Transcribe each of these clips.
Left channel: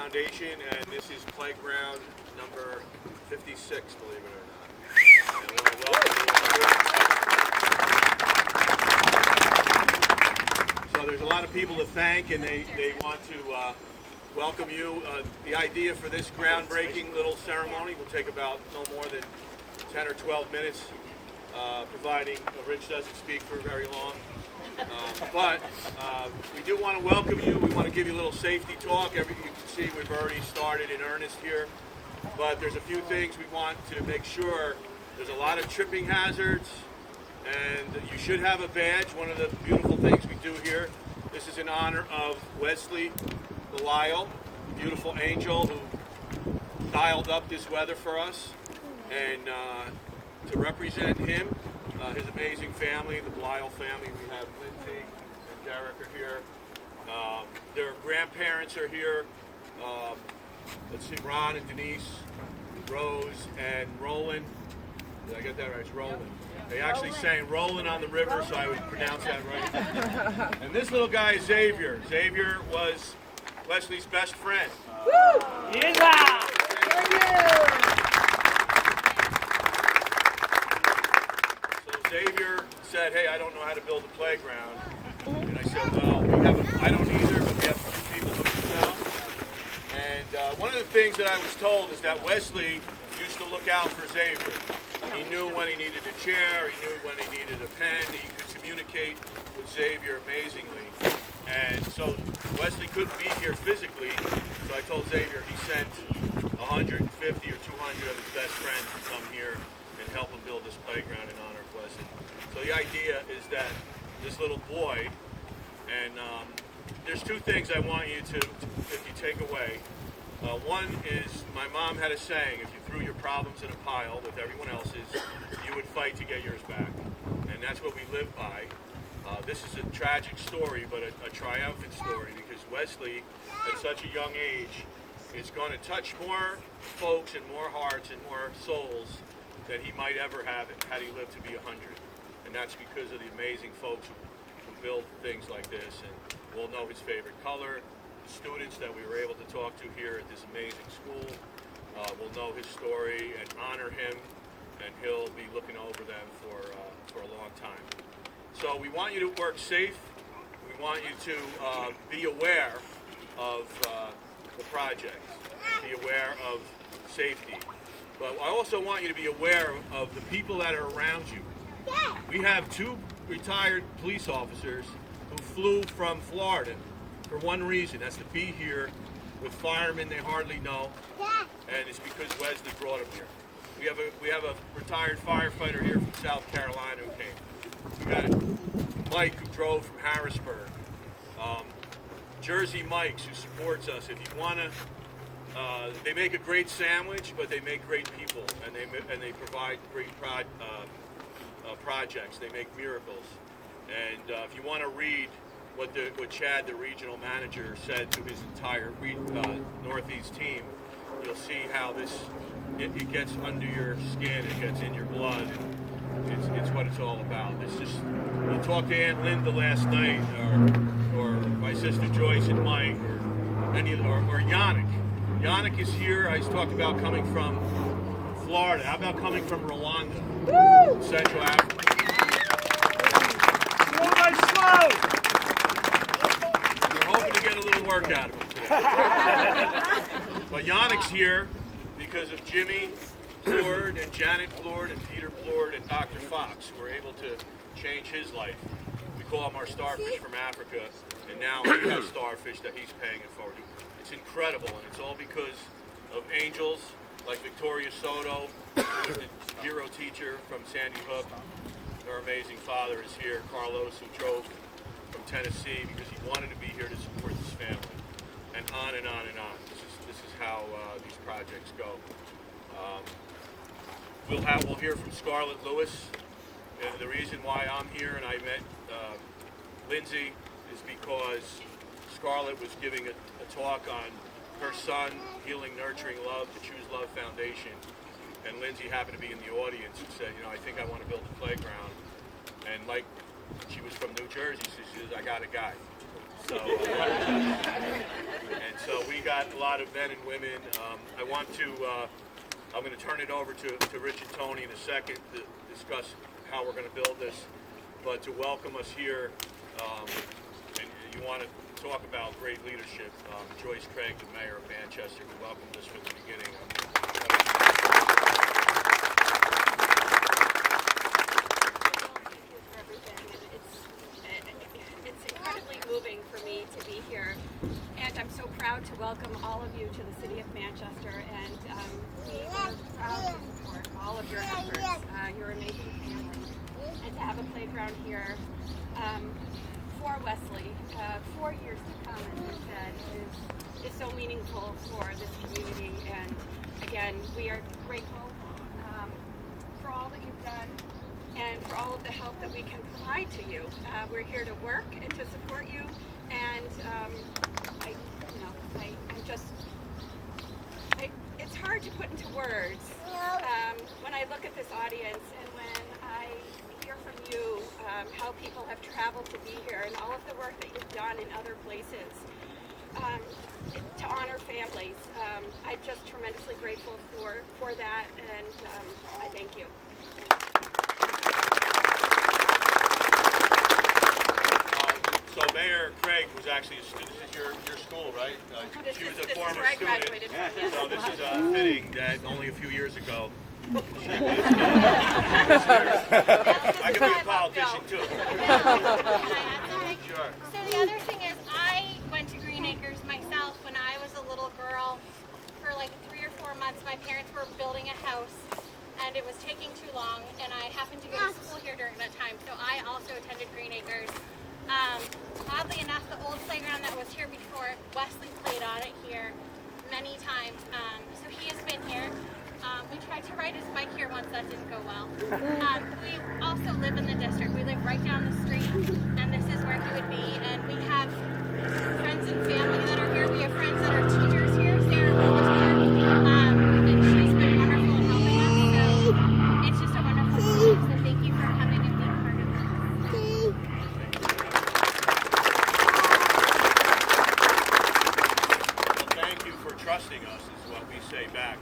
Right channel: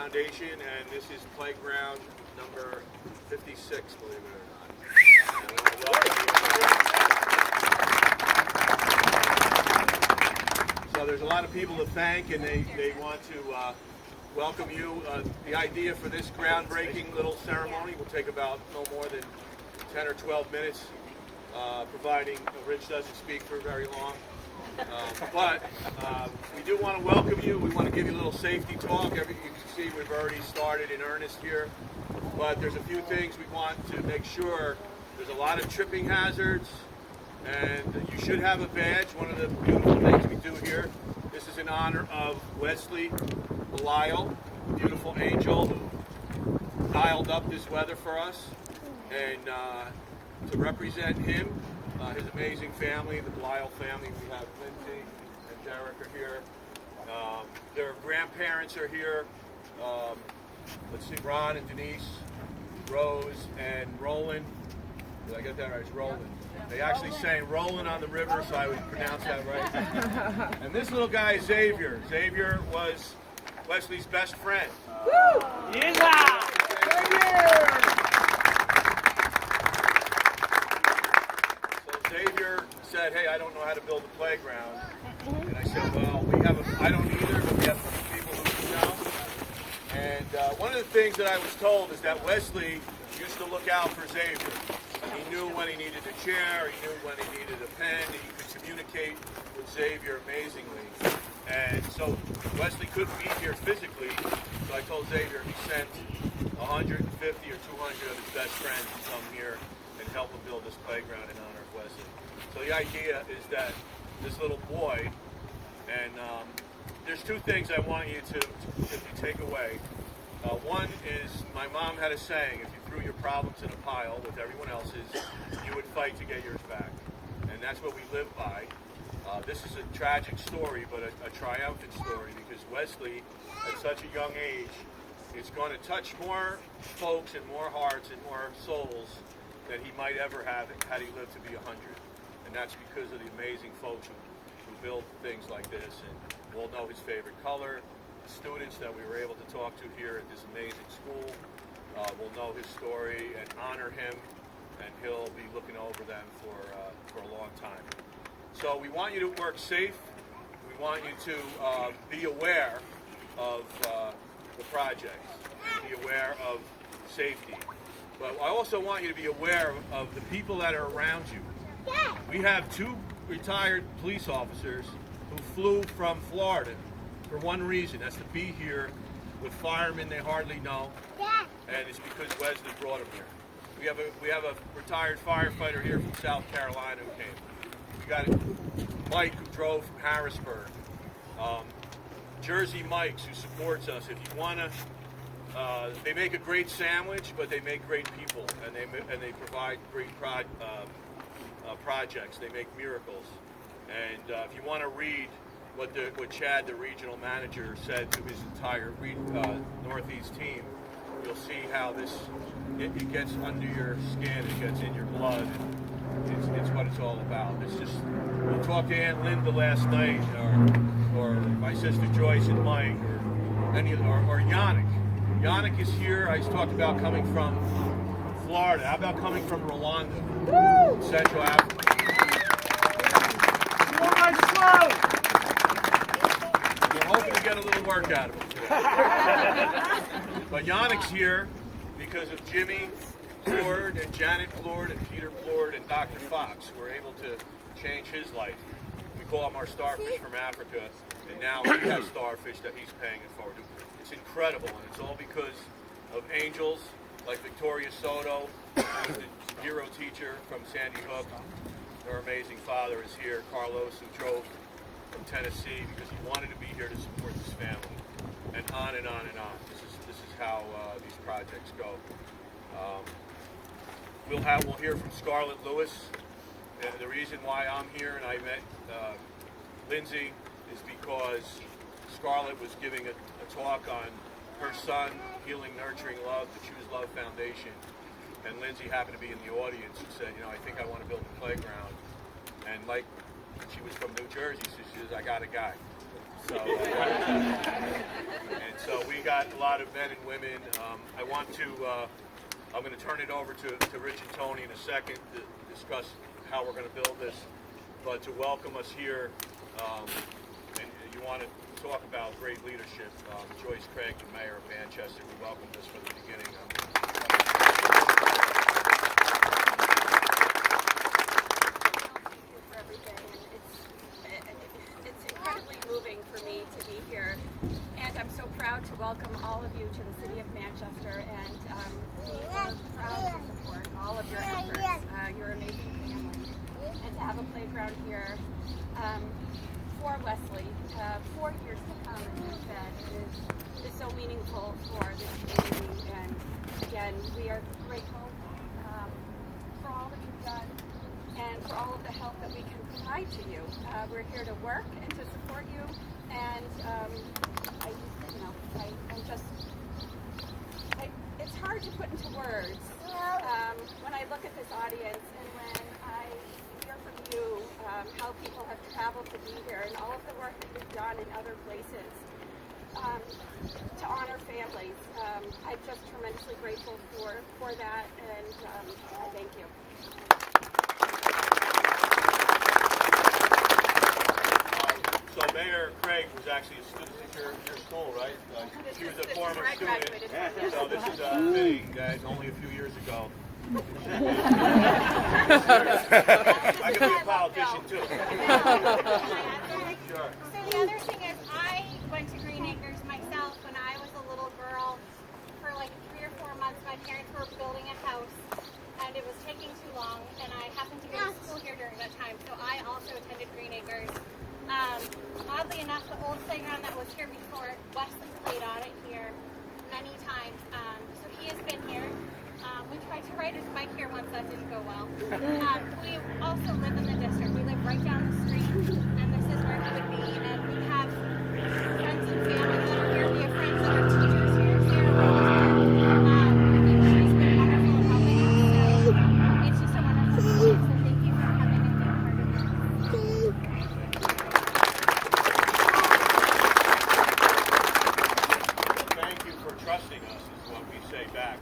Foundation, and this is playground number 56, believe it or not. And we want to welcome you. So there's a lot of people to thank, and they want to welcome you. The idea for this groundbreaking little ceremony will take about no more than 10 or 12 minutes, providing Rich doesn't speak for very long. But we do want to welcome you. We want to give you a little safety talk. You can see we've already started in earnest here. But there's a few things we want to make sure. There's a lot of tripping hazards, and you should have a badge. One of the beautiful things we do here, this is in honor of Wesley Belisle, beautiful angel who dialed up this weather for us. And to represent him, his amazing family, the Belisle family, we have Lindsay and Derek are here. Their grandparents are here. Let's see, Ron and Denise, Rose and Roland. Did I get that right? It's Roland. They actually sang Rolling on the River, so I would pronounce that right. And this little guy is Xavier. Xavier was Wesley's best friend. Woo! Yeah! Xavier said, "Hey, I don't know how to build a playground." And I said, "Well, I don't either, but we have a few people who do know." And one of the things that I was told is that Wesley used to look out for Xavier. He knew when he needed a chair, he knew when he needed a pen, he could communicate with Xavier amazingly. And so Wesley couldn't be here physically, so I told Xavier he sent 150 or 200 of his best friends to come here and help him build this playground in honor of Wesley. So the idea is that this little boy, and there's two things I want you to if you take away. One is my mom had a saying, if you threw your problems in a pile with everyone else's, you would fight to get yours back. And that's what we live by. This is a tragic story, but a triumphant story, because Wesley, at such a young age, is going to touch more folks and more hearts and more souls than he might ever have had he lived to be 100. And that's because of the amazing folks who build things like this. And we'll know his favorite color. The students that we were able to talk to here at this amazing school will know his story and honor him, and he'll be looking over them for a long time. So we want you to work safe. We want you to be aware of the project and be aware of safety. But I also want you to be aware of the people that are around you. We have 2 retired police officers who flew from Florida for one reason. That's to be here with firemen they hardly know, and it's because Wesley brought them here. We have a retired firefighter here from South Carolina who came. We got Mike who drove from Harrisburg. Jersey Mike's who supports us. If you want to, they make a great sandwich, but they make great people, and they provide great projects. They make miracles. And if you want to read what Chad, the regional manager, said to his entire Northeast team, you'll see how it gets under your skin, it gets in your blood, and it's what it's all about. It's just, you talk to Aunt Linda last night, or my sister Joyce and Mike, or Yannick. Yannick is here. I talked about coming from Florida. How about coming from Rwanda, Central Africa? We're hoping to get a little work out of him today. But Yannick's here because of Jimmy Plord and Janet Plord and Peter Plord and Dr. Fox, who were able to change his life. We call him our starfish from Africa, and now he has starfish that he's paying it forward to. It's incredible, and it's all because of angels like Victoria Soto, who was the hero teacher from Sandy Hook. Her amazing father is here, Carlos, who drove from Tennessee because he wanted to be here to support his family, and on and on and on. This is how these projects go. We'll hear from Scarlett Lewis. And the reason why I'm here and I met Lindsay is because Scarlett was giving a talk on her son, Healing, Nurturing Love, the Choose Love Foundation. And Lindsay happened to be in the audience and said, I think I want to build a playground. And like she was from New Jersey, so she says, I got a guy. So, and so we got a lot of men and women. I want to, I'm going to turn it over to Rich and Tony in a second to discuss how we're going to build this. But to welcome us here, and you want to talk about great leadership, Joyce Craig, the mayor of Manchester, who welcomed us from the beginning. Moving for me to be here, and I'm so proud to welcome all of you to the city of Manchester, and we are proud to support all of your efforts, your amazing family, and to have a playground here for Wesley 4 years to come, as you said, is so meaningful for this community. And again, we are grateful for all that you've done and for all of the help that we can provide to you. We're here to work and to support you, and it's hard to put into words when I look at this audience and when I hear from you how people have traveled to be here and all of the work that you've done in other places to honor families. I'm just tremendously grateful for that, and I thank you. So Mayor Craig was actually a student. This is your school, right? She was a former student. So this is fitting that only a few years ago she was here. I could be a politician too. Sure. So the other thing is, I went to Green Acres myself when I was a little girl. For like 3 or 4 months, my parents were building a house, and it was taking too long, and I happened to go to school here during that time, so I also attended Green Acres. Oddly enough, the old playground that was here before, Wesley played on it here many times, so he has been here. We tried to ride his bike here once, that didn't go well. We also live in the district. We live right down the street, and this is where he would be, and we have friends and family that are here. We have friends that are teachers here. Sarah Rose is here, and she's been wonderful in helping us, so it's just a wonderful place, so thank you for coming and being part of this. Thank you for trusting us, is what we say back.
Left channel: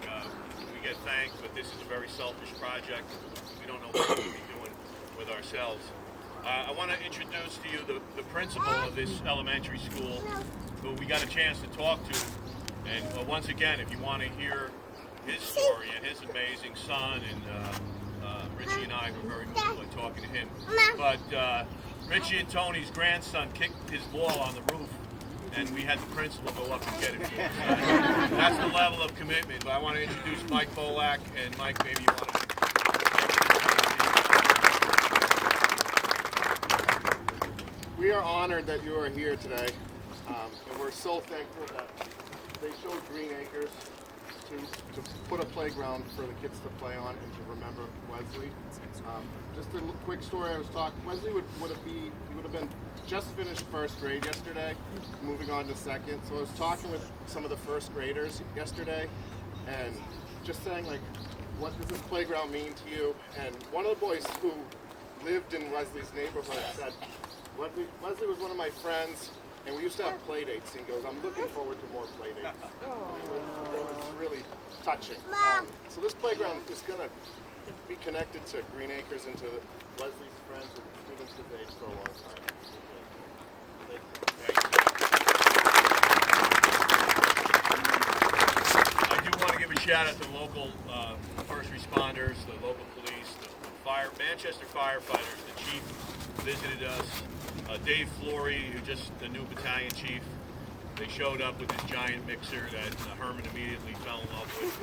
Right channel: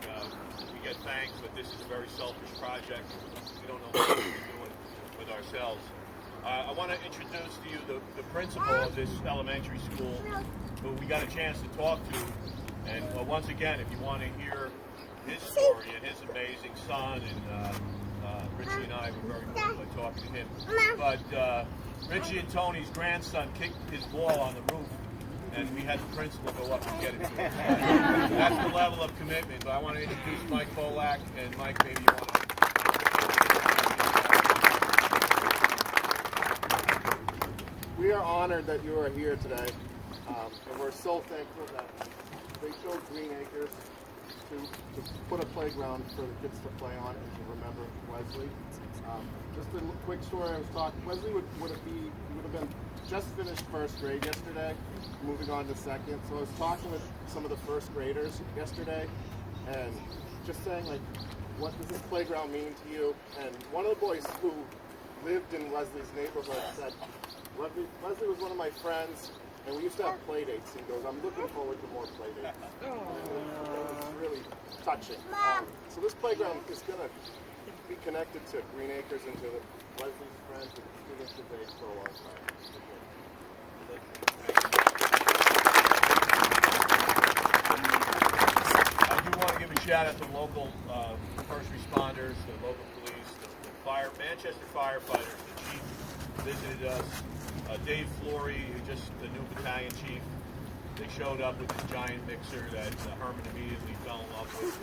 We get thanks, but this is a very selfish project. We don't know what we're doing with ourselves. I want to introduce to you the principal of this elementary school, who we got a chance to talk to. And once again, if you want to hear his story and his amazing son, and Richie and I were very moved by talking to him. But Richie and Tony's grandson kicked his ball on the roof, and we had the principal go up and get it for us. That's the level of commitment. But I want to introduce Mike Bolak, and Mike, maybe you want to. We are honored that you are here today, and we're so thankful that they chose Green Acres to put a playground for the kids to play on and to remember Wesley. Just a quick story. I was talking. Wesley would have been just finished first grade yesterday, moving on to second. So I was talking with some of the first graders yesterday, and just saying, like, what does this playground mean to you? And one of the boys who lived in Wesley's neighborhood said, Wesley was one of my friends, and we used to have play dates. He goes, I'm looking forward to more play dates. It was really touching. So this playground is going to be connected to Green Acres and to Wesley's friends and students his age for a long time. I do want to give a shout out to the local first responders, the local police, the Manchester firefighters. The chief visited us. Dave Flory, who just the new battalion chief, they showed up with this giant mixer that Herman immediately fell in love with,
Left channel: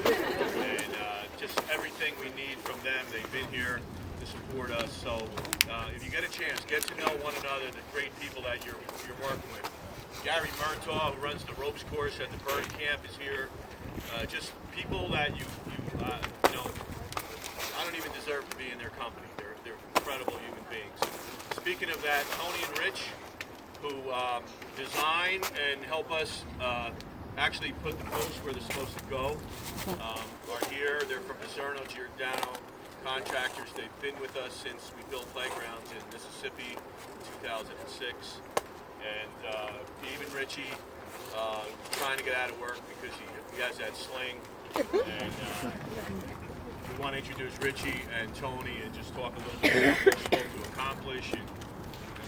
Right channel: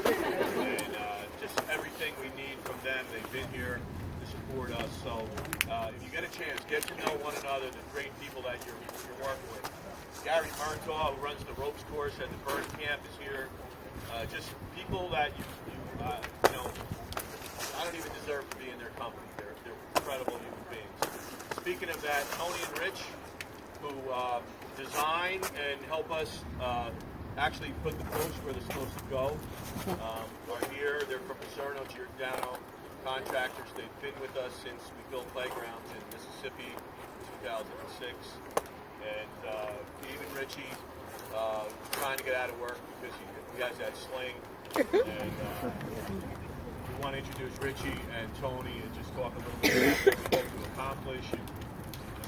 and just everything we need from them. They've been here to support us. So if you get a chance, get to know one another, the great people that you're working with. Gary Murtaugh, who runs the ropes course at the bird camp, is here. Just people that you know, I don't even deserve to be in their company. They're incredible human beings. Speaking of that, Tony and Rich, who design and help us actually put the posts where they're supposed to go, are here. They're from Piserno, Giordano contractors. They've been with us since we built playgrounds in Mississippi in 2006. And even Richie trying to get out of work because he has that sling. And we want to introduce Richie and Tony and just talk a little bit about what we hope to accomplish and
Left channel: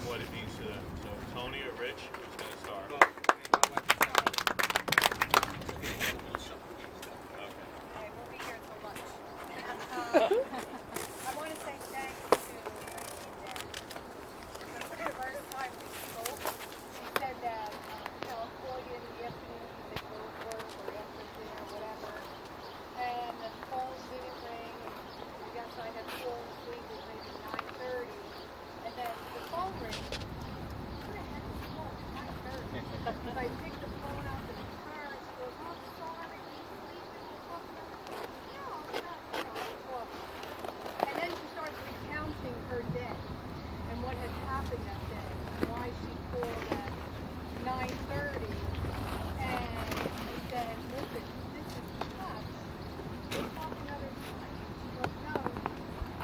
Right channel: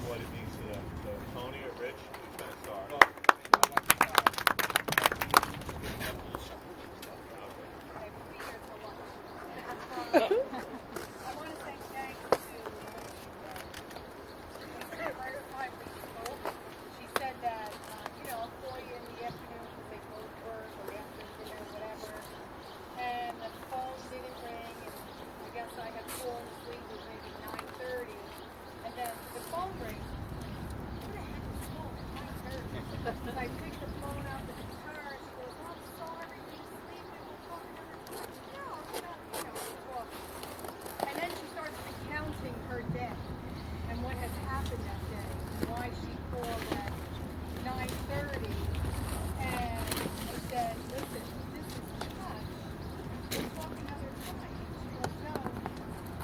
what it means to them. So Tony or Rich, who's going to start? Okay, we'll be here till lunch. I want to say thanks to Lindsay Day. Because the first time we spoke, she said that, I'll call you in the afternoon because they close work or after dinner or whatever. And the phone didn't ring, and I guess I had fallen asleep at maybe 9:30. And then the phone rings. Who the heck is calling at 9:30? So I picked the phone up and it's her, and she goes, "Oh, I'm sorry, were you sleeping? We'll talk another time." No, I'm not, we're talking. And then she starts recounting her day and what had happened that day and why she called at 9:30. And I said, "Listen, this is tough. We'll talk another time." She goes, "No,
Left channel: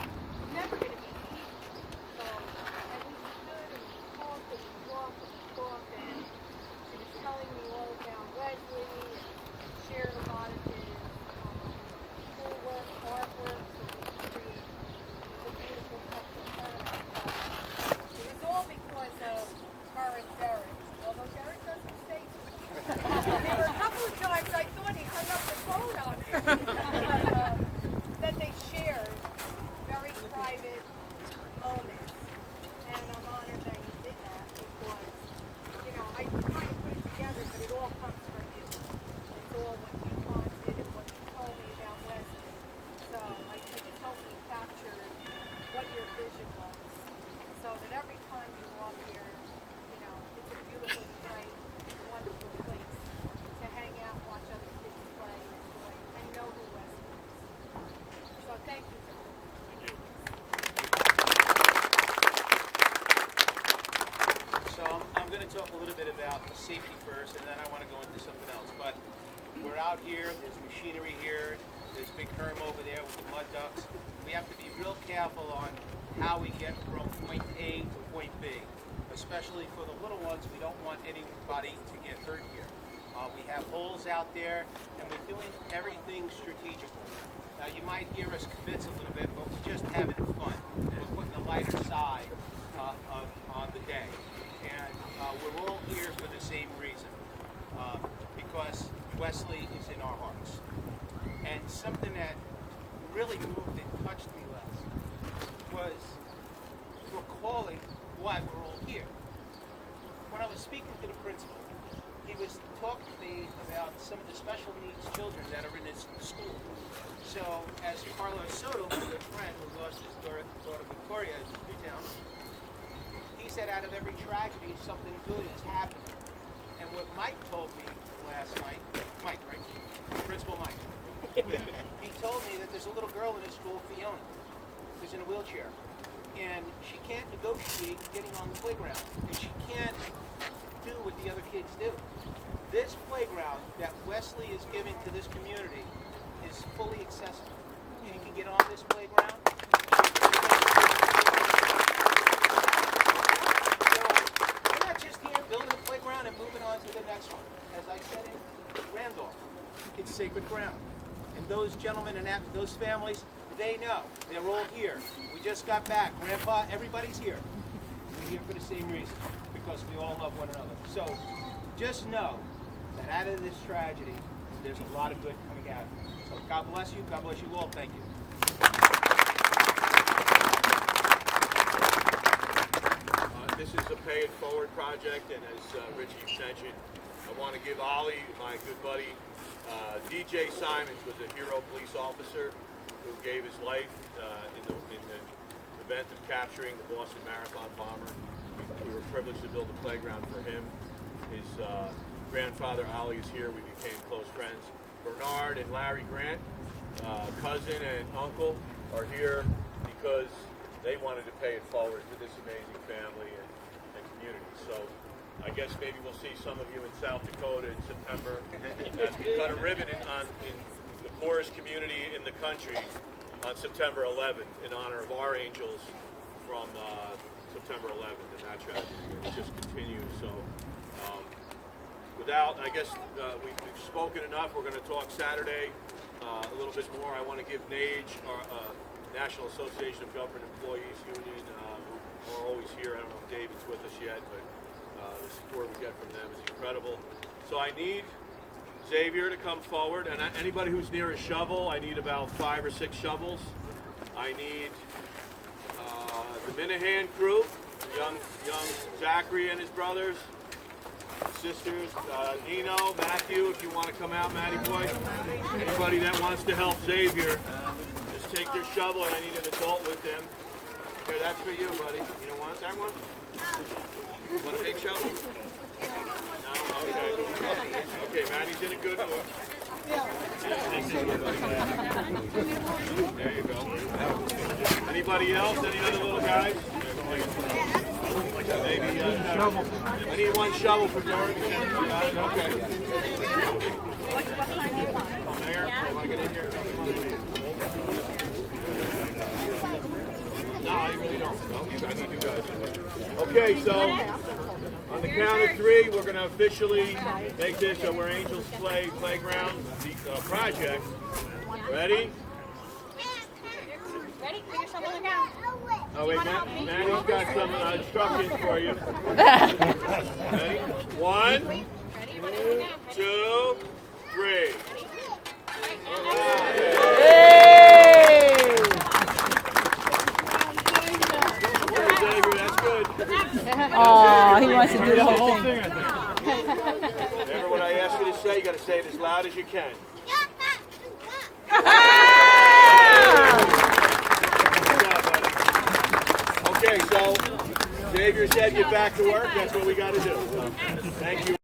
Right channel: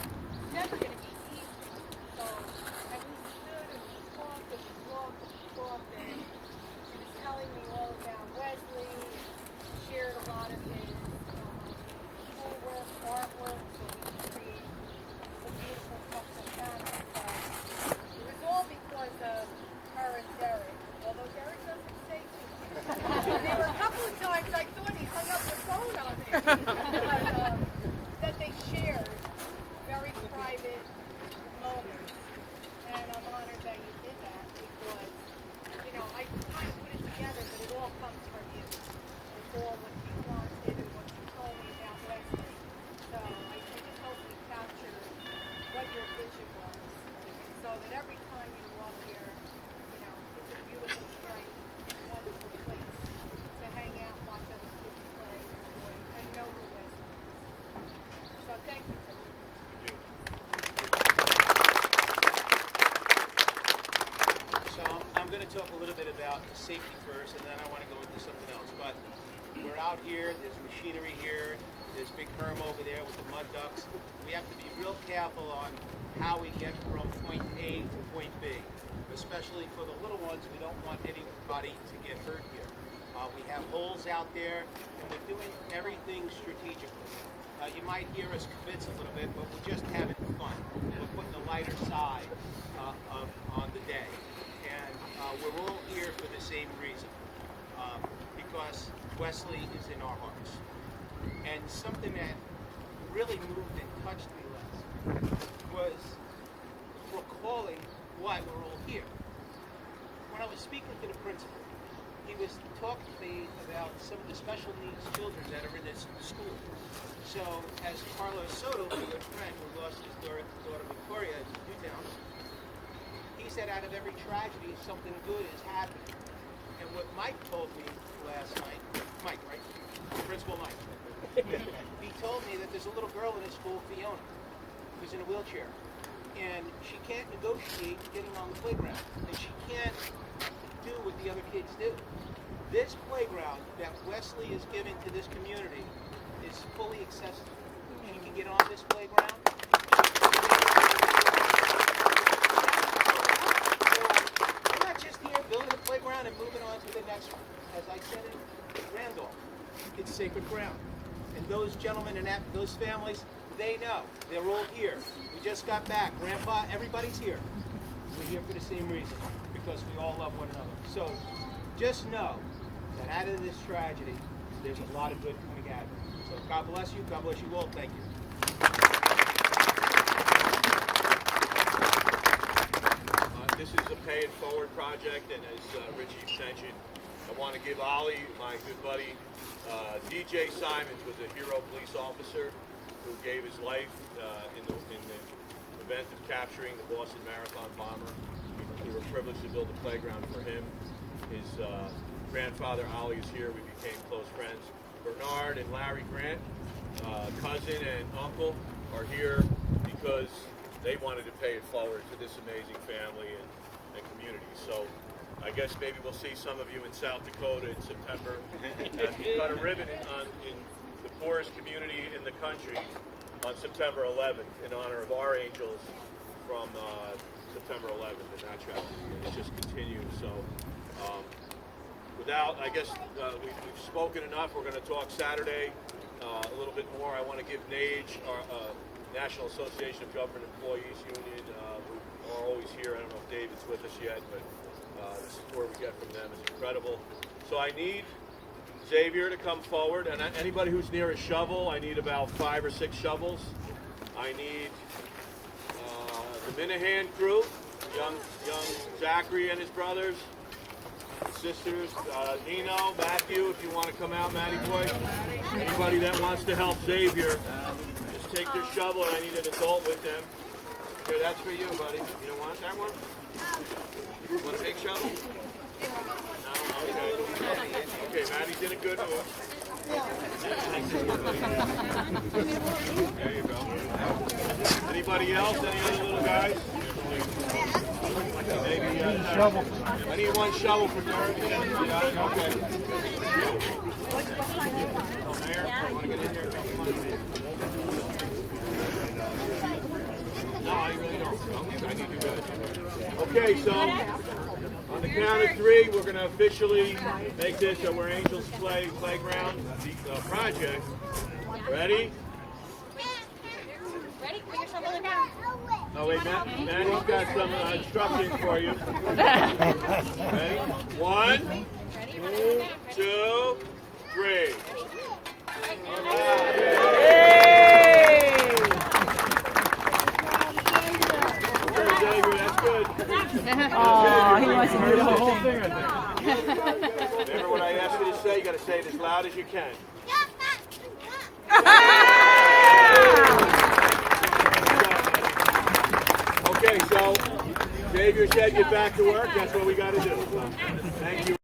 it's never going to be easy." So, and we stood and we talked and we walked and we talked, and she was telling me all about Wesley and shared a lot of his schoolwork, artwork, so we could create the beautiful Texarkana. So it was all because of her and Derek, although Derek doesn't say too much. There were a couple of times I thought he hung up the phone on me, but that they shared very private moments. And I'm honored that you did that because, I kind of put it together, but it all comes from you. It's all what you wanted and what you told me about Wesley. So I just hope we captured what your vision was. So that every time you walk here, it's a beautiful, bright, wonderful place to hang out, watch other kids play, enjoy, and know who Wesley is. So thank you for that. So I'm going to talk a little bit about safety first, and then I want to go into something else. But we're out here, there's machinery here, there's big Herm over there with the mud ducks. We have to be real careful on how we get from point A to point B. Especially for the little ones, we don't want anybody to get hurt here. We have holes out there, and we're doing everything strategically. Now you might hear us kibitz a little bit, but we're just having fun. We're putting a lighter side on the day. And we're all here for the same reason, because Wesley is in our hearts. And something that really moved and touched me last was recalling why we're all here. When I was speaking to the principal, he was talking to me about some of the special needs children that are in his school. So as Carlos Soto, my good friend who lost his daughter Victoria in Newtown, he said out of every tragedy, something good is happening. And what Mike told me last night, Mike, right? Principal Mike. He told me that there's a little girl in his school, Fiona, who's in a wheelchair. And she can't negotiate getting on the playground. And she can't do what the other kids do. This playground that Wesley is giving to this community is fully accessible. She can get on this playground. We're not just here building a playground and moving on to the next one. As I said in Randolph, it's sacred ground. And those gentlemen and those families, they know. They're all here. We just got back. Grandpa, everybody's here. We're here for the same reason, because we all love one another. So just know that out of this tragedy, there's a lot of good coming out of it. So God bless you. God bless you all. Thank you. This is a pay it forward project, and as Richie mentioned, I want to give Ollie, my good buddy, DJ Simons was a hero police officer who gave his life in the event of capturing the Boston Marathon bomber. We were privileged to build a playground for him. His grandfather, Ollie, is here. We became close friends. Bernard and Larry Grant, cousin and uncle, are here because they wanted to pay it forward to this amazing family and community. So I guess maybe we'll see some of you in South Dakota in September as we cut a ribbon in the poorest community in the country on September 11th in honor of our angels from September September 11th and that tragedy, and it just continues. So, without, I guess we've spoken enough. We're going to talk Saturday a little bit more. I want to give NAGE, our National Association of Government Employees Union, who are always here. I don't know if David's with us yet, but the support we get from them is incredible. So I need Xavier to come forward, and anybody who's near a shovel, I need about 5 or 6 shovels. I need the Minahan crew, young Zachary and his brothers, sisters, Nino, Matthew, if you want to come out, Matty boy. Anybody that wants to help Xavier, just take their shovel, and I need an adult with them. Here, that's for you, buddy. You don't want that one? You want a big shovel? No? Okay. Okay, Maddie's in a good mood. There you go. Anybody else? Any other little guys? Maybe I need one shovel for Derek. You got it? Okay. Mayor, you want to get in here? Come on in here. No, I really don't. I need you guys. Okay, so on the count of 3, we're going to officially make this a Where Angels Play Playground project. Ready? Ready? Put your shovel down. Oh wait, Maddie's got some instructions for you. Ready? 1, 2, 3. Xavier, that's good. Oh, he wants to do the whole thing, I think. Remember what I asked you to say? You got to say it as loud as you can. Good job, buddy. Okay, so Xavier said get back to work. That's what we got to do. So, thank you.